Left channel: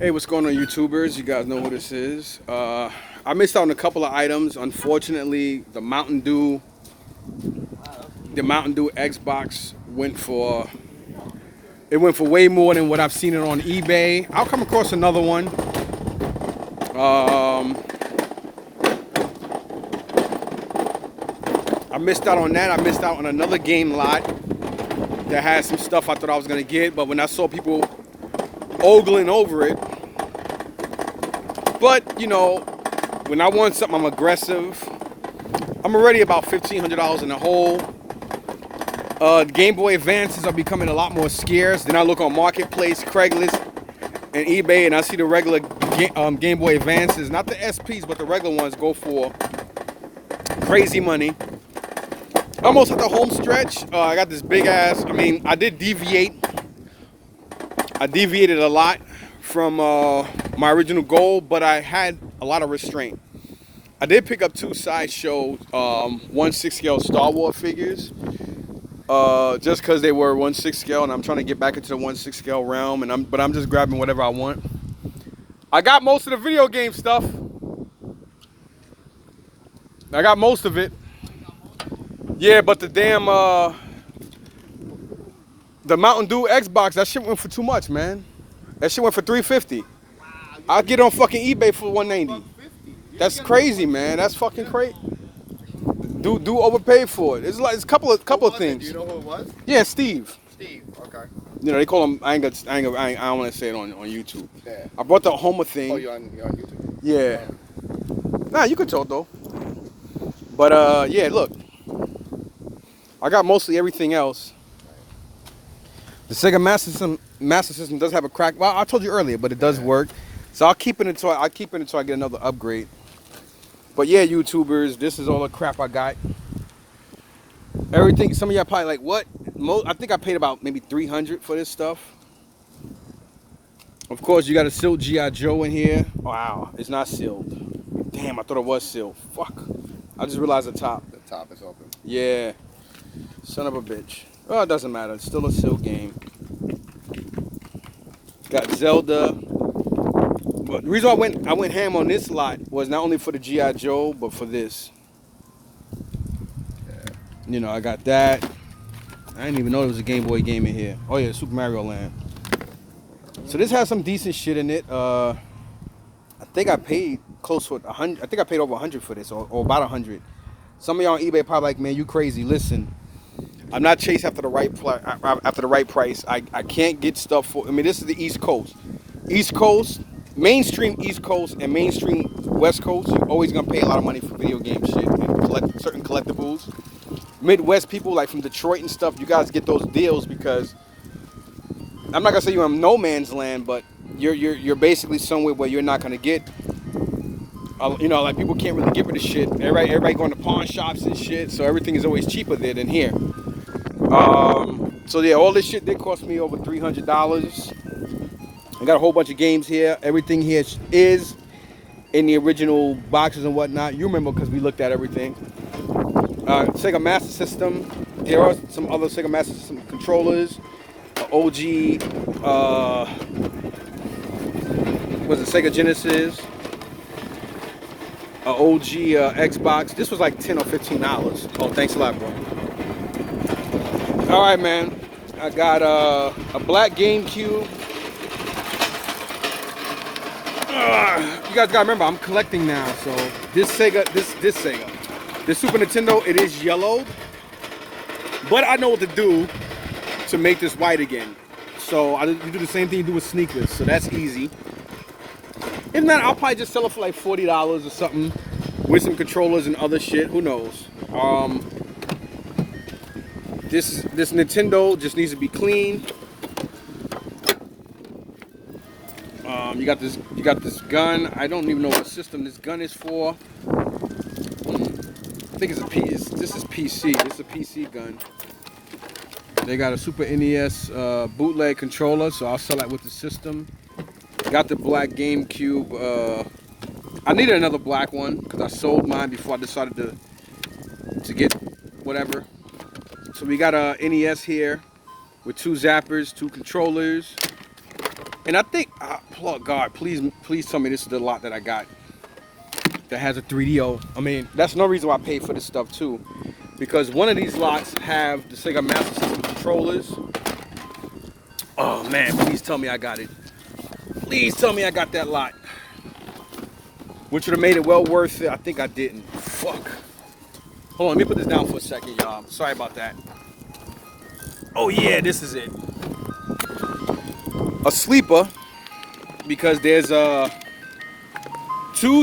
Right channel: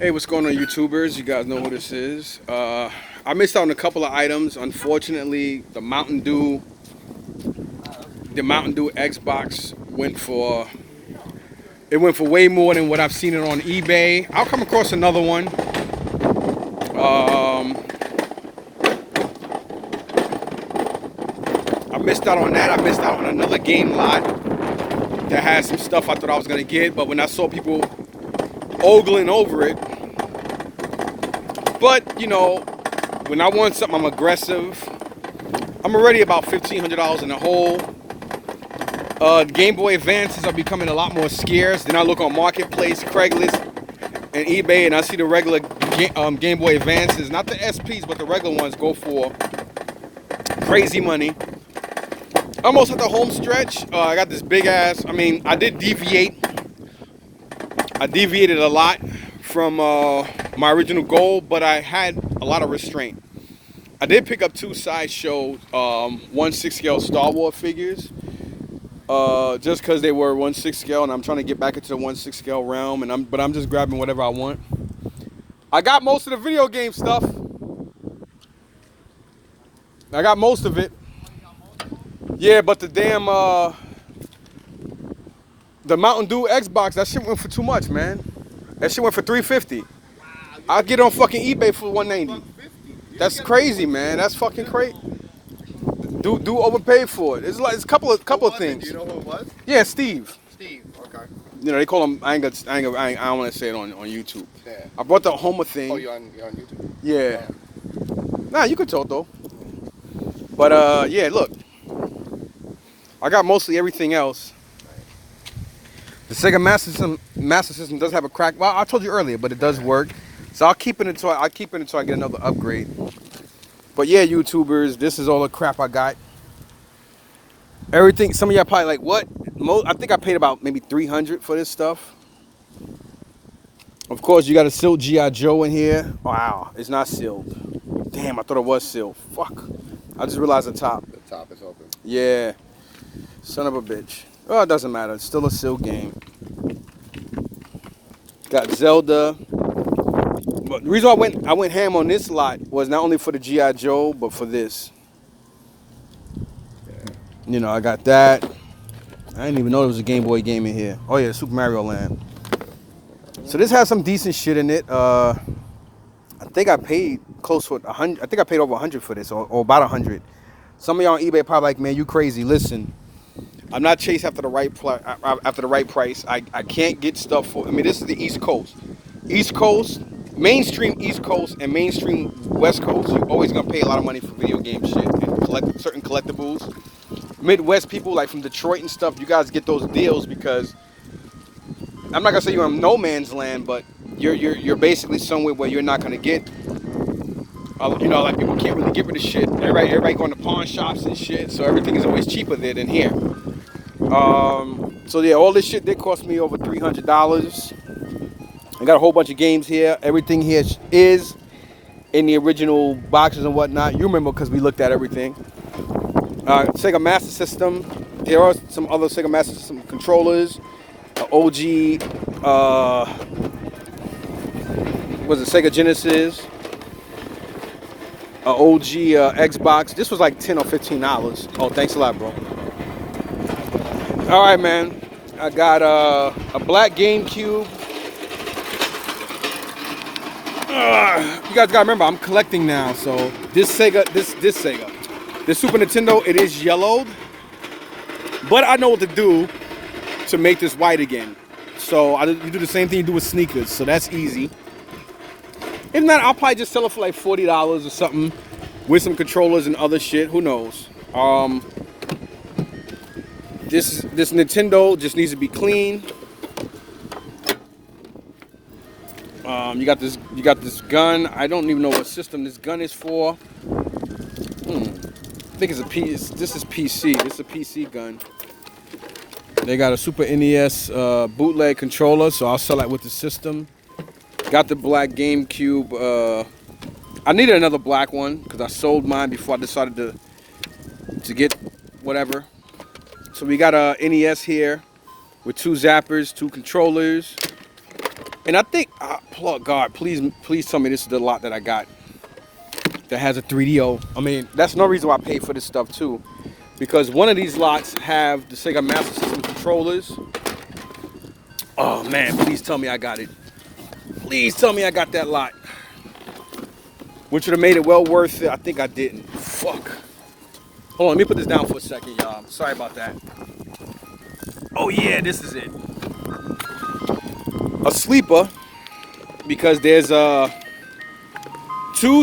Hey, what's going on, YouTubers? You guys know who this is. I missed out on a couple of items. Unfortunately, the Mountain Dew Xbox went for way more than what I've seen it on eBay. I'll come across another one. I missed out on that. I missed out on another game lot that had some stuff I thought I was gonna get, but when I saw people ogling over it, but you know, when I want something, I'm aggressive. I'm already about $1,500 in the hole. Game Boy Advances are becoming a lot more scarce. Then I look on Marketplace, Craigslist, and eBay, and I see the regular Game Boy Advances, not the SPs, but the regular ones, go for crazy money. Almost at the home stretch. I got this big ass. I mean, I did deviate. I deviated a lot from my original goal, but I had a lot of restraint. I did pick up two Sideshow 1/6 scale Star Wars figures, just because they were 1/6 scale, and I'm trying to get back into the 1/6 scale realm. But I'm just grabbing whatever I want. I got most of the video game stuff. I got most of it. Yeah, but the damn the Mountain Dew Xbox, that shit went for too much, man. That shit went for $350. I'll get on fucking eBay for $190. That's crazy, man. That's fucking crazy. Do overpaid for it. It's like it's a couple of things. Do you know who it was? Yeah, Steve. Steve. Okay. You know they call him. I don't want to say it on YouTube. Yeah. I brought the Homer thing. Oh, you're on YouTube. Yeah. Nah, you can talk though. But yeah, look. I got mostly everything else. The Sega Master System does have a crack. Well, I told you earlier, but it does work. So I'll keep it until I get another upgrade. But yeah, YouTubers, this is all the crap I got. Everything. Some of y'all probably like, what? I think I paid about maybe $300 for this stuff. Of course, you got a sealed G.I. Joe in here. Wow, it's not sealed. Damn, I thought it was sealed. Fuck. I just realized the top. The top is open. Yeah. Son of a bitch. Oh, it doesn't matter. It's still a sealed game. Got Zelda. But the reason I went ham on this lot was not only for the G.I. Joe, but for this. You know, I got that. I didn't even know there was a Game Boy game in here. Oh yeah, Super Mario Land. So this has some decent shit in it. I think I paid close to 100. I think I paid over 100 for this, or about 100. Some of y'all on eBay probably like, man, you crazy. Listen, I'm not chasing after the right price. I can't get stuff for. I mean, this is the East Coast. East Coast, mainstream East Coast, and mainstream West Coast. You're always gonna pay a lot of money for video game shit and certain collectibles. Midwest people, like from Detroit and stuff, you guys get those deals because I'm not gonna say you're in no man's land, but you're basically somewhere where you're not gonna get. You know, like people can't really get rid of shit. Everybody going to pawn shops and shit, so everything is always cheaper there than here. So yeah, all this shit did cost me over $300. I got a whole bunch of games here. Everything here is in the original boxes and whatnot. You remember because we looked at everything. Sega Master System. There are some other Sega Master System controllers. OG, was it Sega Genesis? OG Xbox. This was like $10 or $15. Oh, thanks a lot, bro. All right, man. I got a black GameCube. You guys gotta remember, I'm collecting now. So this Sega, this Super Nintendo, it is yellowed, but I know what to do to make this white again. So you do the same thing you do with sneakers. So that's easy. If not, I'll probably just sell it for like $40 or something with some controllers and other shit. Who knows? This Nintendo just needs to be clean. You got this gun. I don't even know what system this gun is for. I think it's a PC. This is PC. This is a PC gun. They got a Super NES bootleg controller, so I'll sell that with the system. Got the black GameCube. I needed another black one because I sold mine before I decided to get whatever. So we got a NES here with two zappers, two controllers, And I think, God, please tell me this is the lot that I got that has a 3DO. I mean, that's no reason why I pay for this stuff too, because one of these lots have the Sega Master System controllers. Oh man, please tell me I got it. Please tell me I got that lot. Which would have made it well worth it. I think I didn't. Fuck. Hold on, let me put this down for a second, y'all. Sorry about that. Oh yeah, this is it. A sleeper, because there's two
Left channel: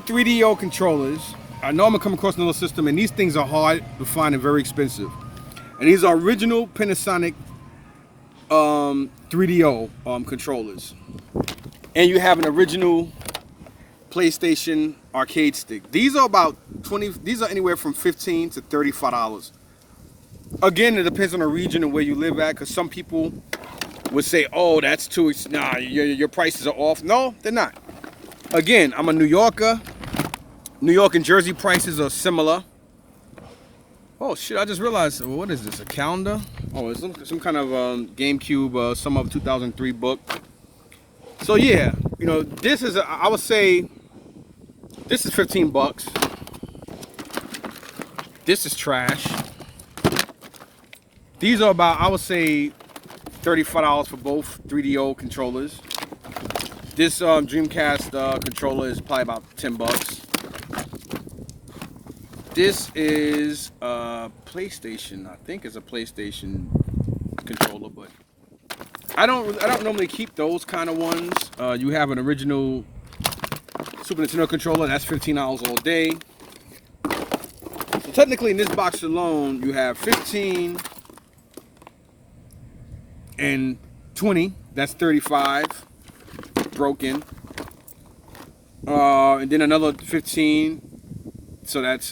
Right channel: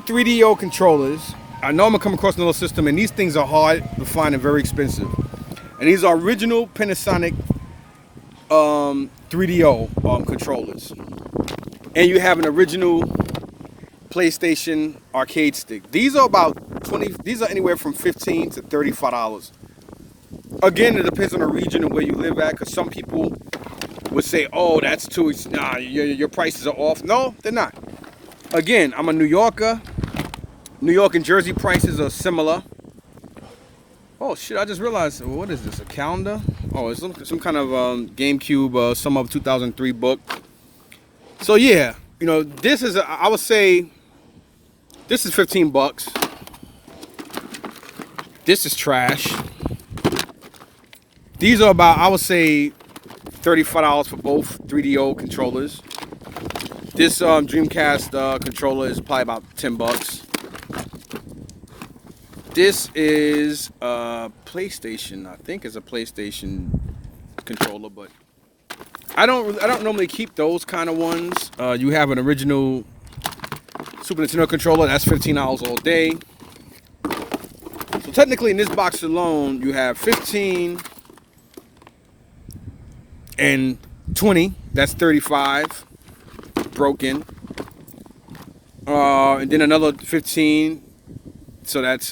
3DO controllers. I know I'm gonna come across another system, and these things are hard to find and very expensive. And these are original Panasonic 3DO controllers. And you have an original PlayStation arcade stick. These are about 20. These are anywhere from $15 to $35. Again, it depends on the region and where you live at, because some people would say, "Oh, that's too. Nah, your prices are off." No, they're not. Again, I'm a New Yorker. New York and Jersey prices are similar. Oh shit! I just realized. What is this? A calendar? Oh, it's some kind of GameCube summer of 2003 book. So yeah, you know, this is I would say this is $15. This is trash. These are about, I would say, $35 for both 3DO controllers. This Dreamcast controller is probably about $10. This is a PlayStation. I think it's a PlayStation controller, but I don't normally keep those kind of ones. You have an original Super Nintendo controller. That's $15 all day. So technically, in this box alone, you have 15 and 20. That's 35 broken. And then another 15. So that's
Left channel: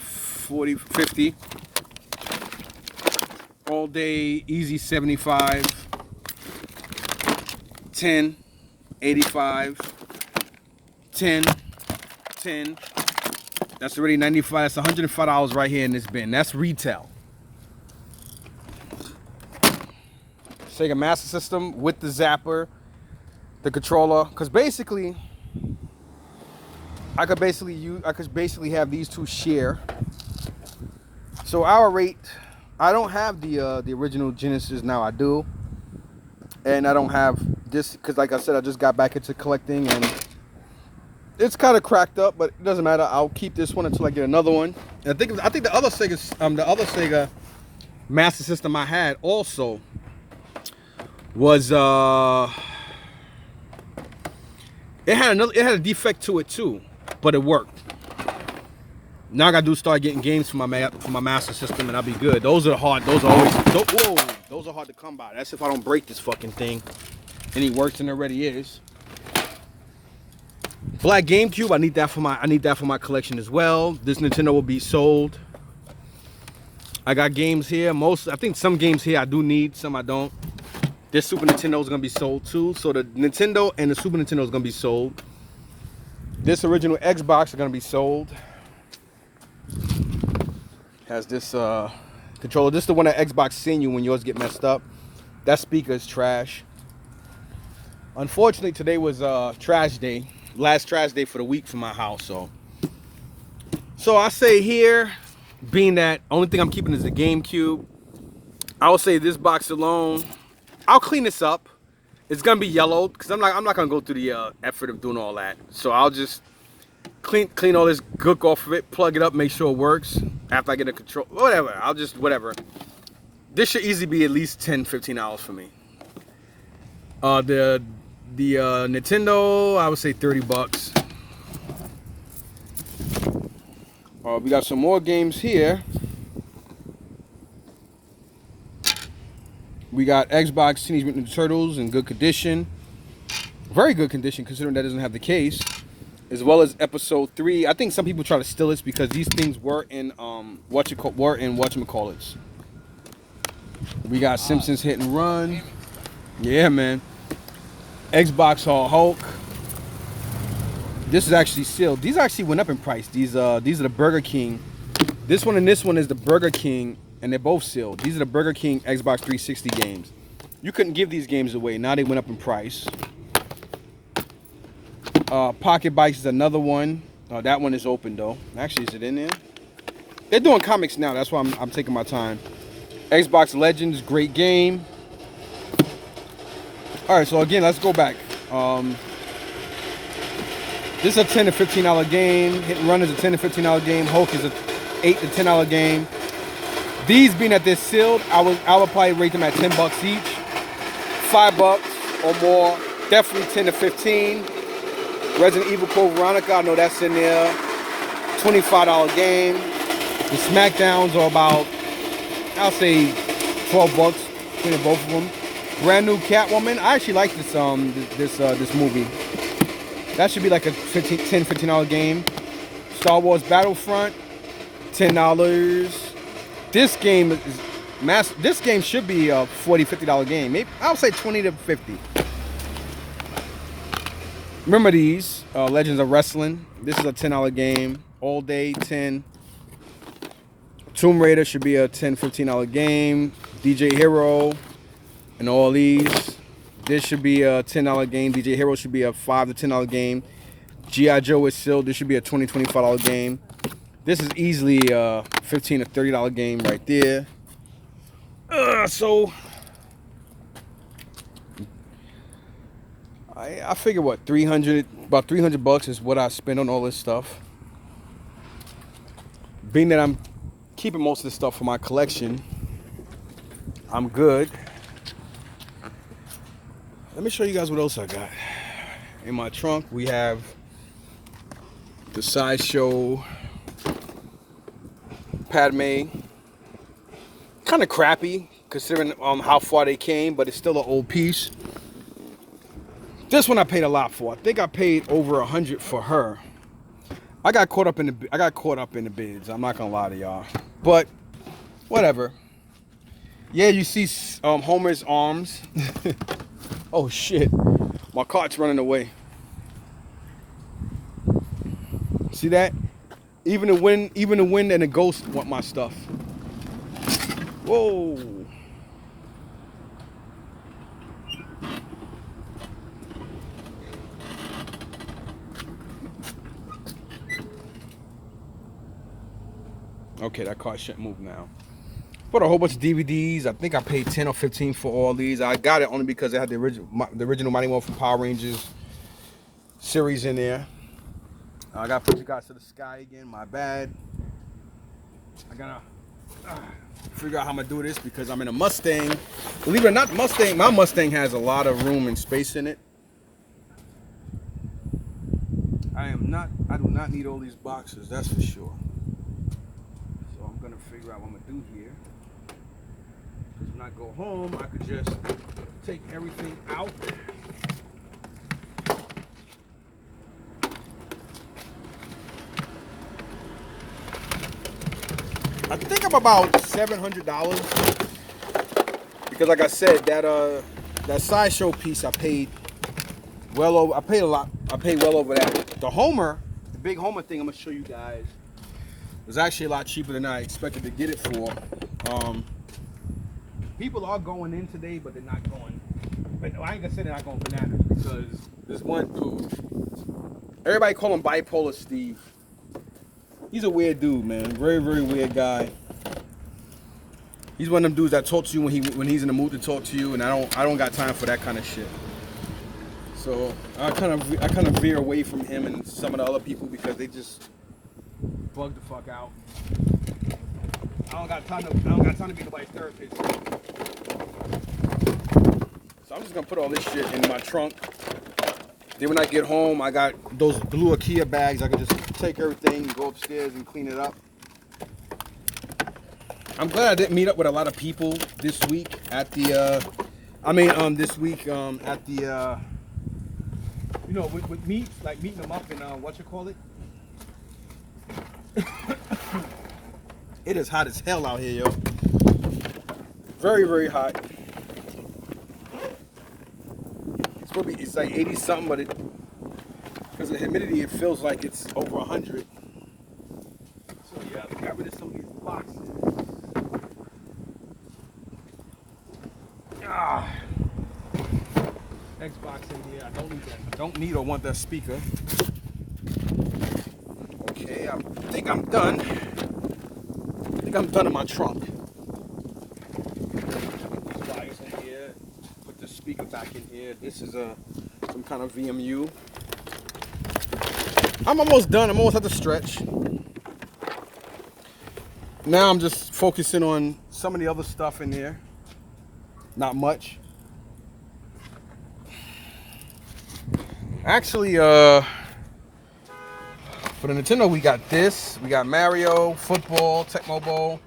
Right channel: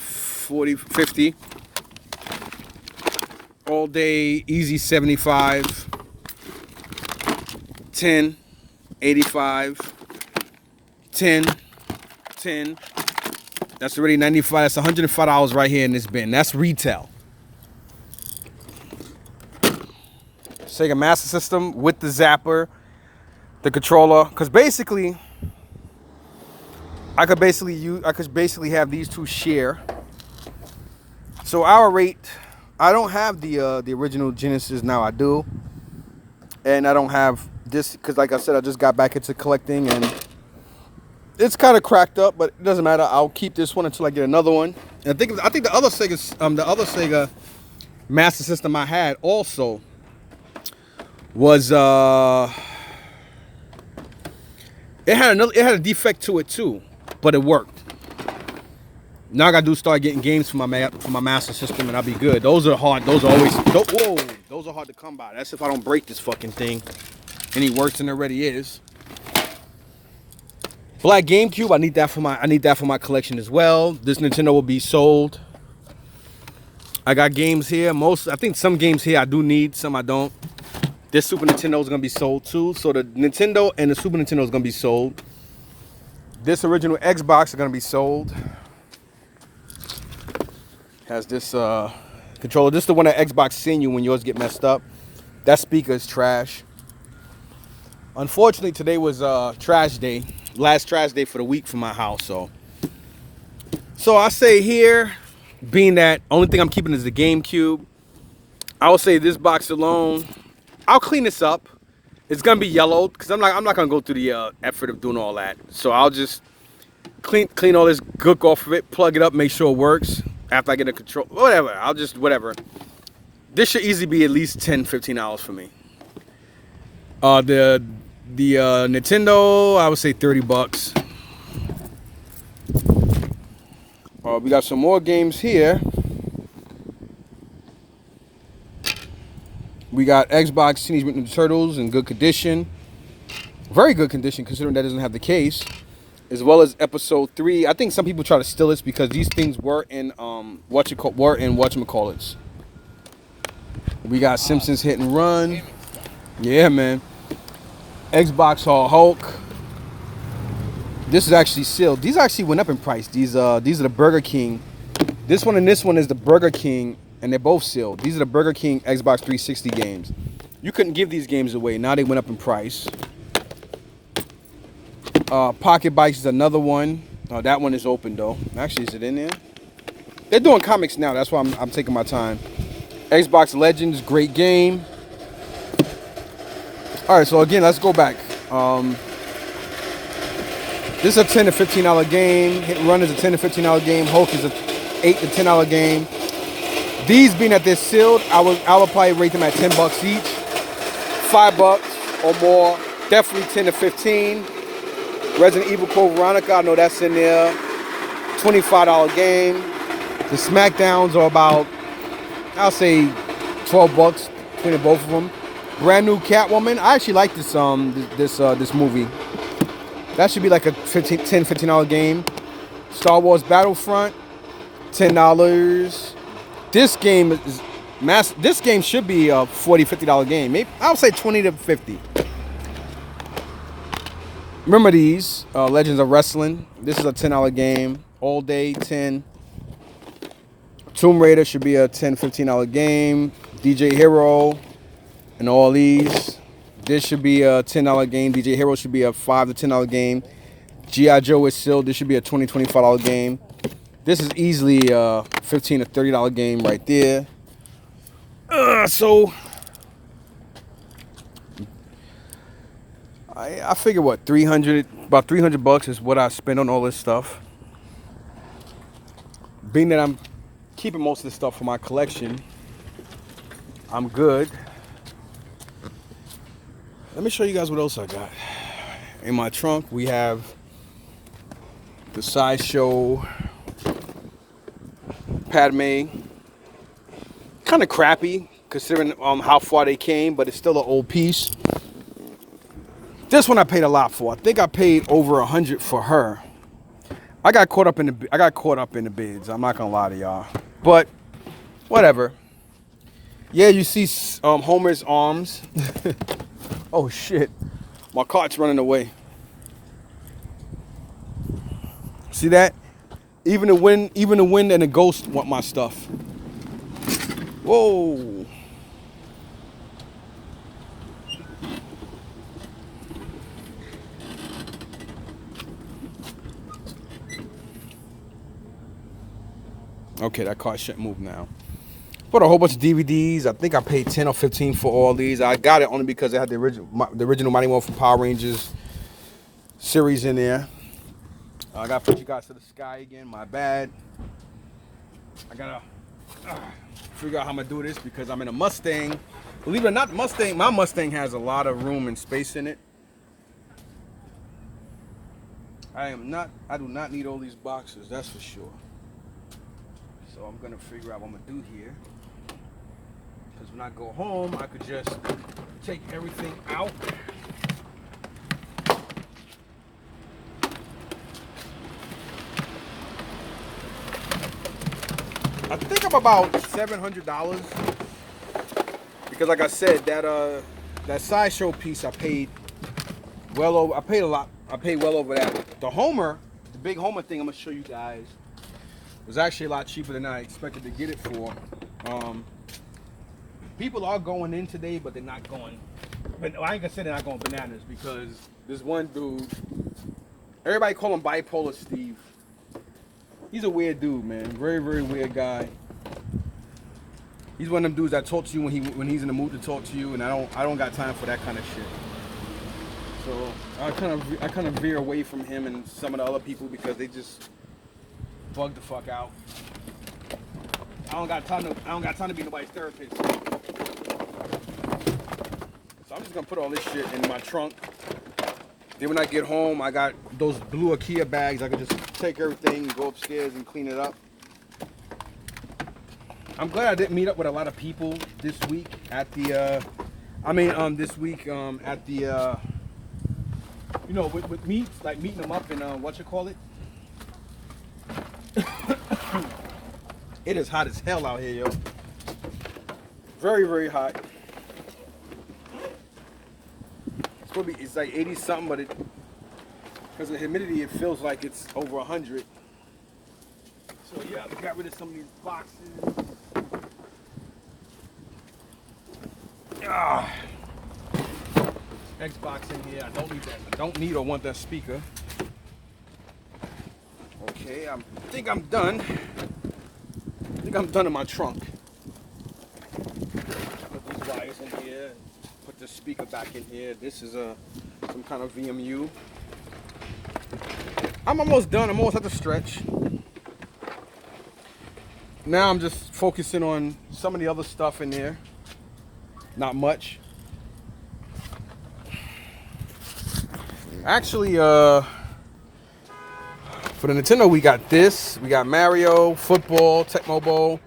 40, 50. All day, easy 75. 10, 85. 10. That's already 95. That's $105 right here in this bin. That's retail. Sega Master System with the zapper, the controller, because basically I could basically have these two share. So our rate, I don't have the original Genesis now. I do, and I don't have this because, like I said, I just got back into collecting, and it's kind of cracked up, but it doesn't matter. I'll keep this one until I get another one. And I think the other Sega Master System I had also was it had a defect to it too, but it worked. Now I gotta start getting games for my Master System, and I'll be good. Those are hard. Those are hard to come by. That's if I don't break this fucking thing any worse than it already is. Black GameCube, I need that for my collection as well. This Nintendo will be sold. I got games here. I think some games here I do need, some I don't. This Super Nintendo is gonna be sold too. So the Nintendo and the Super Nintendo is gonna be sold. This original Xbox are gonna be sold. Has this controller. This is the one that Xbox send you when yours get messed up. That speaker is trash. Unfortunately, today was trash day. Last trash day for the week for my house. So I say here, being that only thing I'm keeping is the GameCube, I would say this box alone, I'll clean this up. It's gonna be yellowed because I'm not gonna go through the effort of doing all that. So I'll just clean all this gook off of it, plug it up, make sure it works. After I get a control, whatever. Whatever. This should easily be at least $10-15 for me. The Nintendo, I would say $30. We got some more games here. We got Xbox Teenage Mutant Ninja Turtles in good condition. Very good condition considering that doesn't have the case. As well as Episode 3. I think some people try to steal this because these things were in whatchamacallits. We got Simpsons Hit and Run. Yeah, man. Xbox Hulk. This is actually sealed. These actually went up in price. These are the Burger King. This one and this one is the Burger King, and they're both sealed. These are the Burger King Xbox 360 games. You couldn't give these games away. Now they went up in price. Pocket Bikes is another one. That one is open though. Actually, is it in there? They're doing comics now. That's why I'm taking my time. Xbox Legends, great game. All right, so again, let's go back. This is a $10 to $15 game. Hit and Run is a $10 to $15 game. Hulk is a $8 to $10 game. These being that they're sealed, I would probably rate them at $10 each. $5 or more. Definitely 10 to 15. Resident Evil Code Veronica, I know that's in there. $25 game. The SmackDowns are about, I'll say $12 between both of them. Brand new Catwoman. I actually like this this movie. That should be like a $10, $15 game. Star Wars Battlefront, $10. This game is This game should be a $40, $50 game. Maybe I would say $20 to $50. Remember these Legends of Wrestling. This is a $10 game. All day 10. Tomb Raider should be a $10, $15 game. DJ Hero and all these. This should be a $10 game. DJ Hero should be a $5 to $10 game. G.I. Joe is sealed. This should be a $20, $25 game. This is easily a $15 to $30 game right there. So I figure what about $300 is what I spend on all this stuff. Being that I'm keeping most of this stuff for my collection, I'm good. Let me show you guys what else I got. In my trunk, we have the Sideshow Padme. Kind of crappy considering how far they came, but it's still an old piece. This one I paid a lot for. I think I paid over $100 for her. I got caught up in the bids. I'm not gonna lie to y'all, but whatever. Yeah, you see Homer's arms. Oh shit, my cart's running away. See that? Even the wind and the ghost want my stuff. Whoa. Okay, that cart shouldn't move now. Bought a whole bunch of DVDs. I think I paid 10 or 15 for all these. I got it only because it had the original Mighty Morphin Power Rangers series in there. I gotta put you guys to the sky again. My bad. I gotta figure out how I'm gonna do this because I'm in a Mustang. Believe it or not, my Mustang has a lot of room and space in it. I do not need all these boxes, that's for sure. So I'm gonna figure out what I'm gonna do here. Because when I go home, I could just take everything out. I think I'm about $700 because, like I said, that Sideshow piece I paid well over. I paid a lot. I paid well over that. The big Homer thing I'm gonna show you guys was actually a lot cheaper than I expected to get it for. People are going in today, but they're not going. But I ain't gonna say they're not going bananas because this one dude, everybody call him Bipolar Steve. He's a weird dude, man. Very, very weird guy. He's one of them dudes that talk to you when he's in the mood to talk to you, and I don't got time for that kind of shit. So I kind of veer away from him and some of the other people because they just bug the fuck out. I don't got time to be nobody's therapist. So I'm just gonna put all this shit in my trunk. Then when I get home, I got those blue IKEA bags. I can just take everything and go upstairs and clean it up. I'm glad I didn't meet up with a lot of people this week at the, with meets, like meeting them up in, It is hot as hell out here, yo. Very, very hot. It's like 80 something, but because of the humidity, it feels like it's over 100. So yeah, I got rid of some of these boxes. Xbox in here. I don't need that. I don't need or want that speaker. Okay, I think I'm done. I think I'm done in my trunk. Put the wires in here. Put the speaker back in here. This is some kind of VMU. I'm almost done. I'm almost at the stretch. Now I'm just focusing on some of the other stuff in there. Not much. Actually, for the Nintendo, we got this. We got Mario, football, Tecmo Bowl,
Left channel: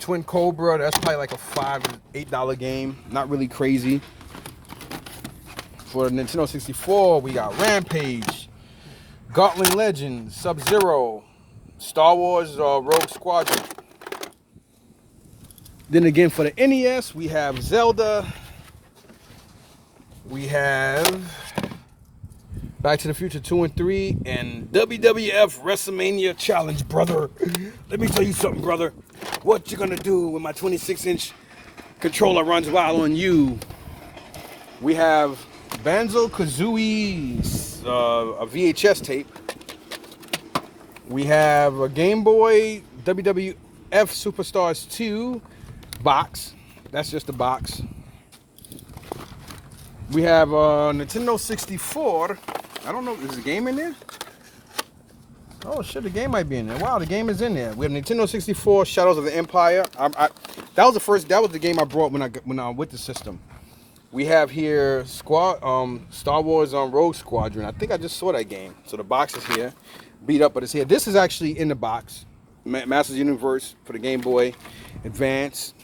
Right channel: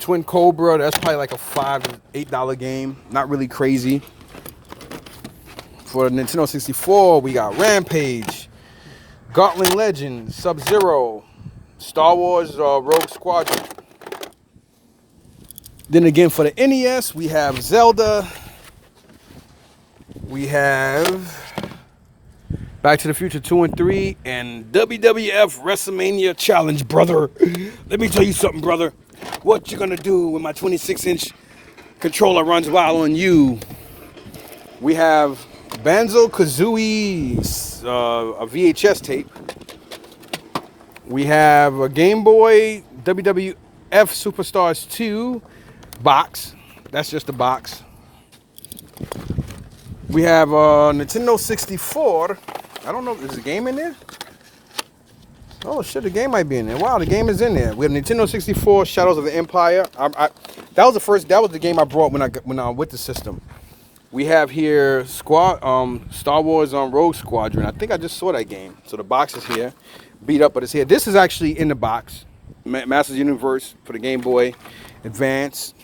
Twin Cobra. That's probably like a $5 to $8 game. Not really crazy. For the Nintendo 64, we got Rampage, Gatling Legends, Sub-Zero, Star Wars Rogue Squadron. Then again, for the NES, we have Zelda. We have Back to the Future 2 and 3 and WWF WrestleMania Challenge, brother. Let me tell you something, brother. What you gonna do when my 26-inch controller runs wild on you? We have Banjo-Kazooie, a VHS tape. We have a Game Boy WWF Superstars 2 box. That's just a box. We have a Nintendo 64. I don't know, is the game in there? Oh shit, the game might be in there. Wow, the game is in there. We have Nintendo 64 Shadows of the Empire. That was the game I brought when I with the system. We have here Star Wars Rogue Squadron. I think I just saw that game. So the box is here. Beat up, but it's here. This is actually in the box. Masters Universe for the Game Boy Advance.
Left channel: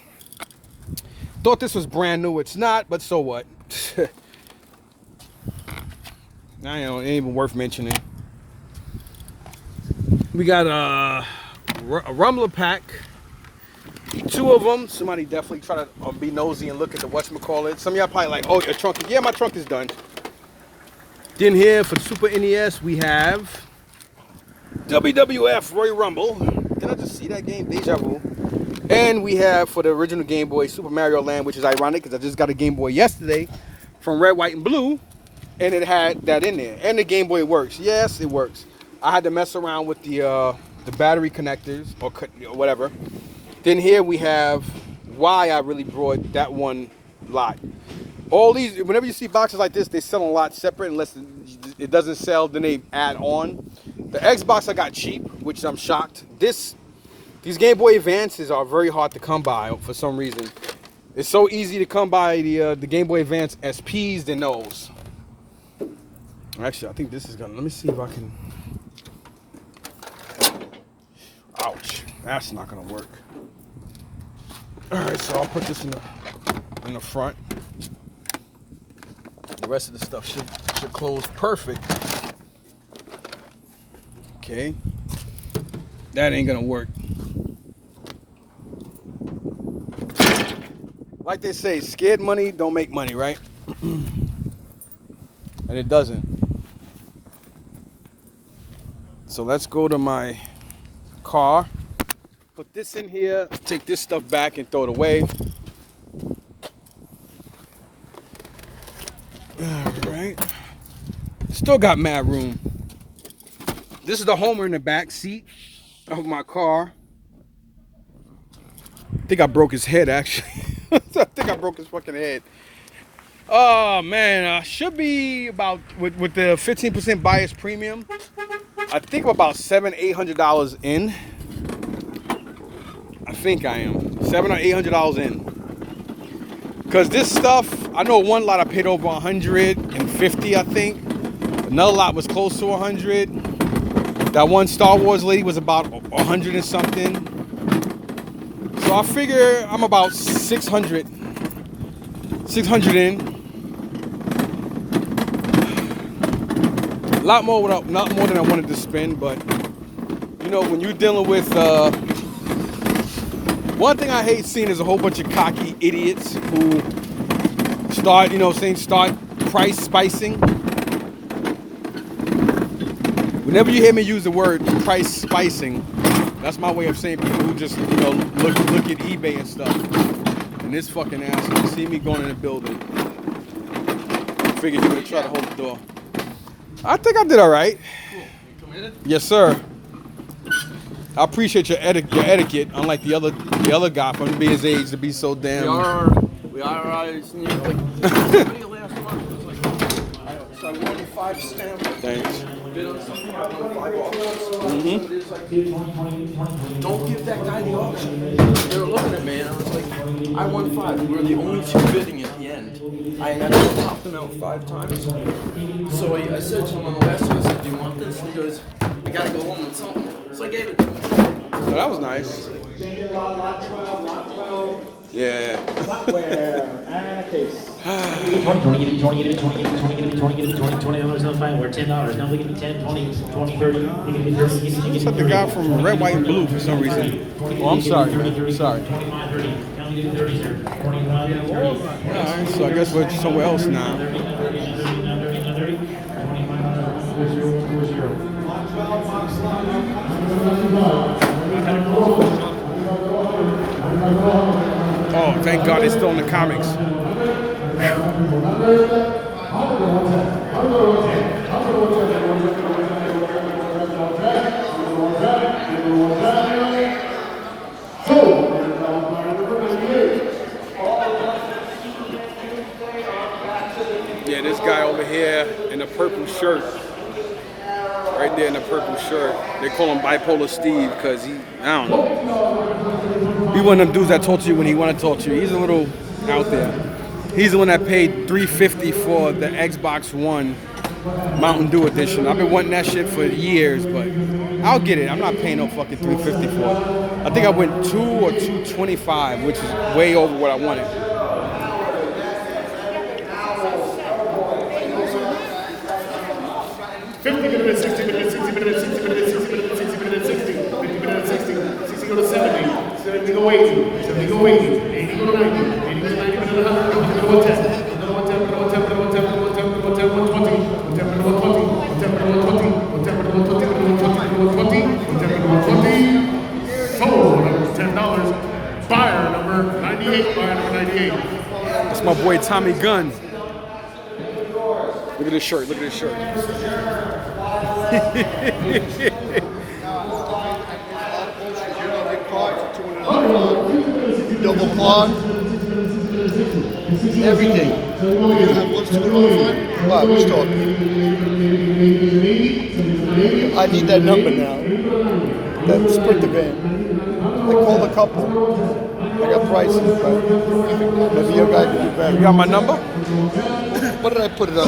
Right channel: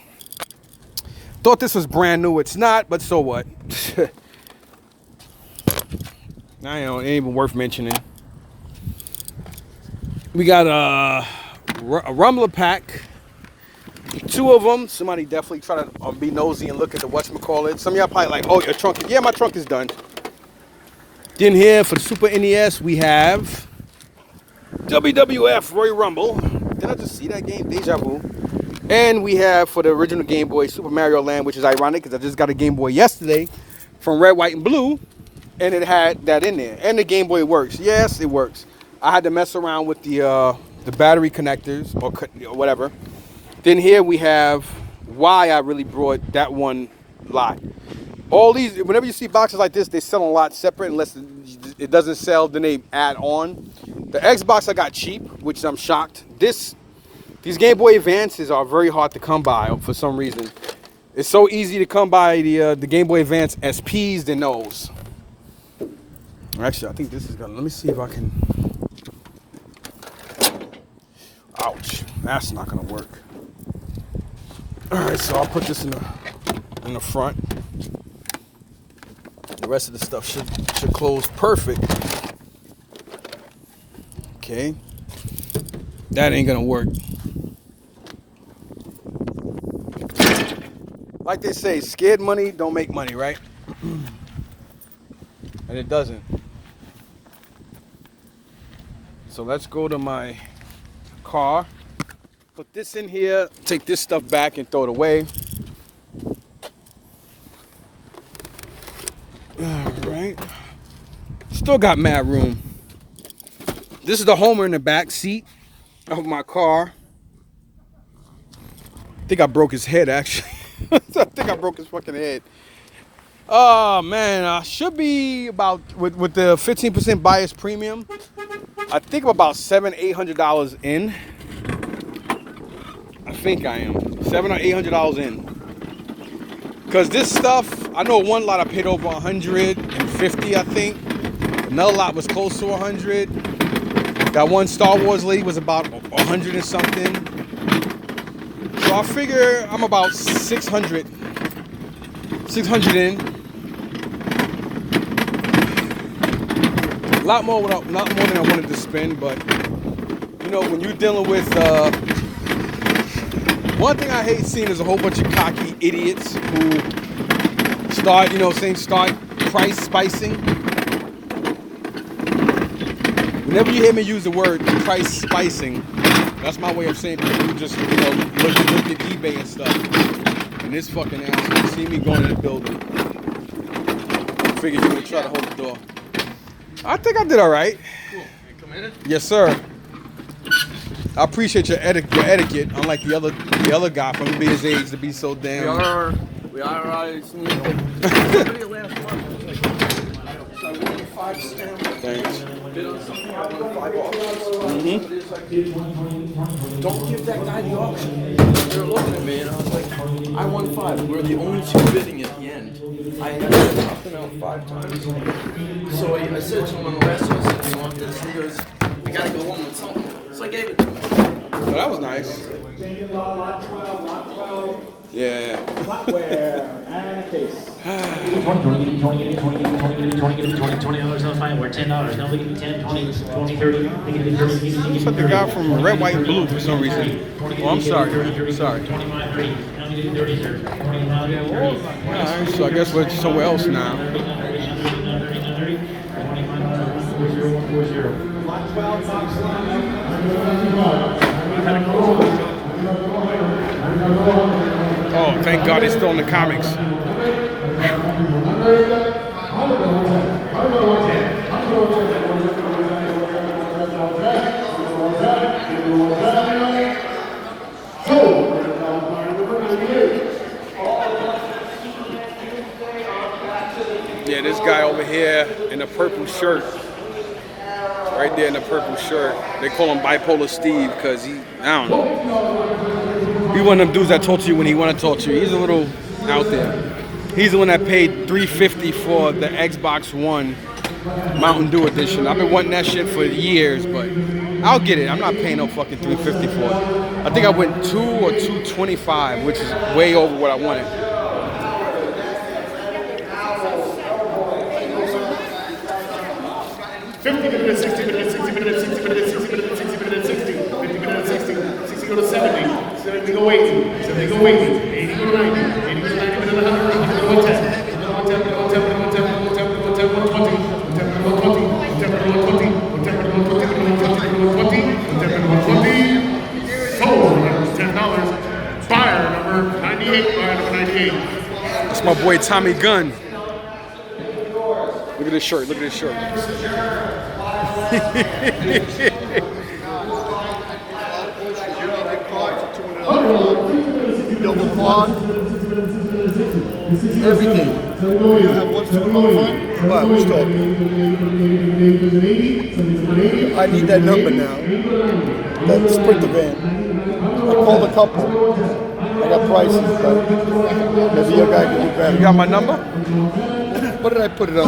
Thought this was brand new. It's not, but so what? I know, it ain't even worth mentioning. We got a Rumbler pack. 2 of them. Somebody definitely try to be nosy and look at the whatchamacallit. Some of y'all probably like, oh, your trunk. Yeah, my trunk is done. Then here for the Super NES, we have WWF Royal Rumble. Did I just see that game? Deja vu. And we have for the original Game Boy Super Mario Land, which is ironic because I just got a Game Boy yesterday from Red, White, and Blue. And it had that in there. And the Game Boy works. Yes, it works. I had to mess around with the battery connectors or whatever. Then here we have why I really brought that one lot. All these, whenever you see boxes like this, they sell a lot separate unless it doesn't sell, then they add on. The Xbox I got cheap, which I'm shocked. These Game Boy Advances are very hard to come by for some reason. It's so easy to come by the Game Boy Advance SPs than those. Actually, I think this is gonna, let me see if I can. Ouch, that's not gonna work. All right, so I'll put this in the front. The rest of the stuff should close perfect. Okay, that ain't gonna work. Like they say, scared money don't make money, right? And it doesn't. So let's go to my car. Put this in here, take this stuff back and throw it away. All right. Still got mad room. This is the Homer in the back seat of my car. I think I broke his head, actually. I think I broke his fucking head. Oh, man. I should be about, with the 15% bias premium, I think I'm about $700-800 in. I think I am. $700 or $800 in. Because this stuff, I know one lot I paid over $150, I think. Another lot was close to 100. That one Star Wars lady was about 100 and something. So I figure I'm about 600 in. Not more than I wanted to spend, but you know, when you're dealing with one thing I hate seeing is a whole bunch of cocky idiots who start price spicing. Whenever you hear me use the word price spicing, that's my way of saying people who just, look at eBay and stuff. And this fucking asshole see me going in the building. figured you would try to hold the door. I think I did all right. Cool. You committed? Yes, sir. I appreciate your etiquette, unlike the other guy from his age to be so damn. We are Thanks. Don't give that guy the option. They were looking at me and I was like, I won 5. We were the only 2 bidding at the end. I had to knock him out 5 times. So I said to him on the last one, I said, do you want this? He goes, I gotta go home with something. So I gave it to him. So that was nice. Yeah. 20, we're $10. Now we get 10, 20, 20, 30. Looks like the guy from Red, White, and Blue for some reason. Oh, I'm sorry. Sorry. Alright, so I guess we're somewhere else now. Oh, thank God it's still in the comics. Yeah, this guy over here in the purple shirt. Right there in the purple shirt. They call him Bipolar Steve because I don't know. He one of them dudes that talk to you when he want to talk to you. He's a little out there. He's the one that paid $350 for the Xbox One Mountain Dew edition. I've been wanting that shit for years, but I'll get it. I'm not paying no fucking $350 for it. I think I went $2 or $225, which is way over what I wanted. Go to 70, 70 go 80, 70 go 80, 80 go to 90, 80 go to 90, 100, 100 go to 110, 110, 110, 110, 110, 110, 120, 110, 120, 110, 120, 110, 120, 110, 120, sold, $10, buyer number 98, buyer number 98. That's my boy Tommy Gunn. Look at this shirt, look at this shirt. Double quad. Everything. You have what's $205? Wow, who's talking? I need that number now. That Sprinter van. I called a couple. I got prices, but maybe your guy can do better. You got my number? What did I put it on?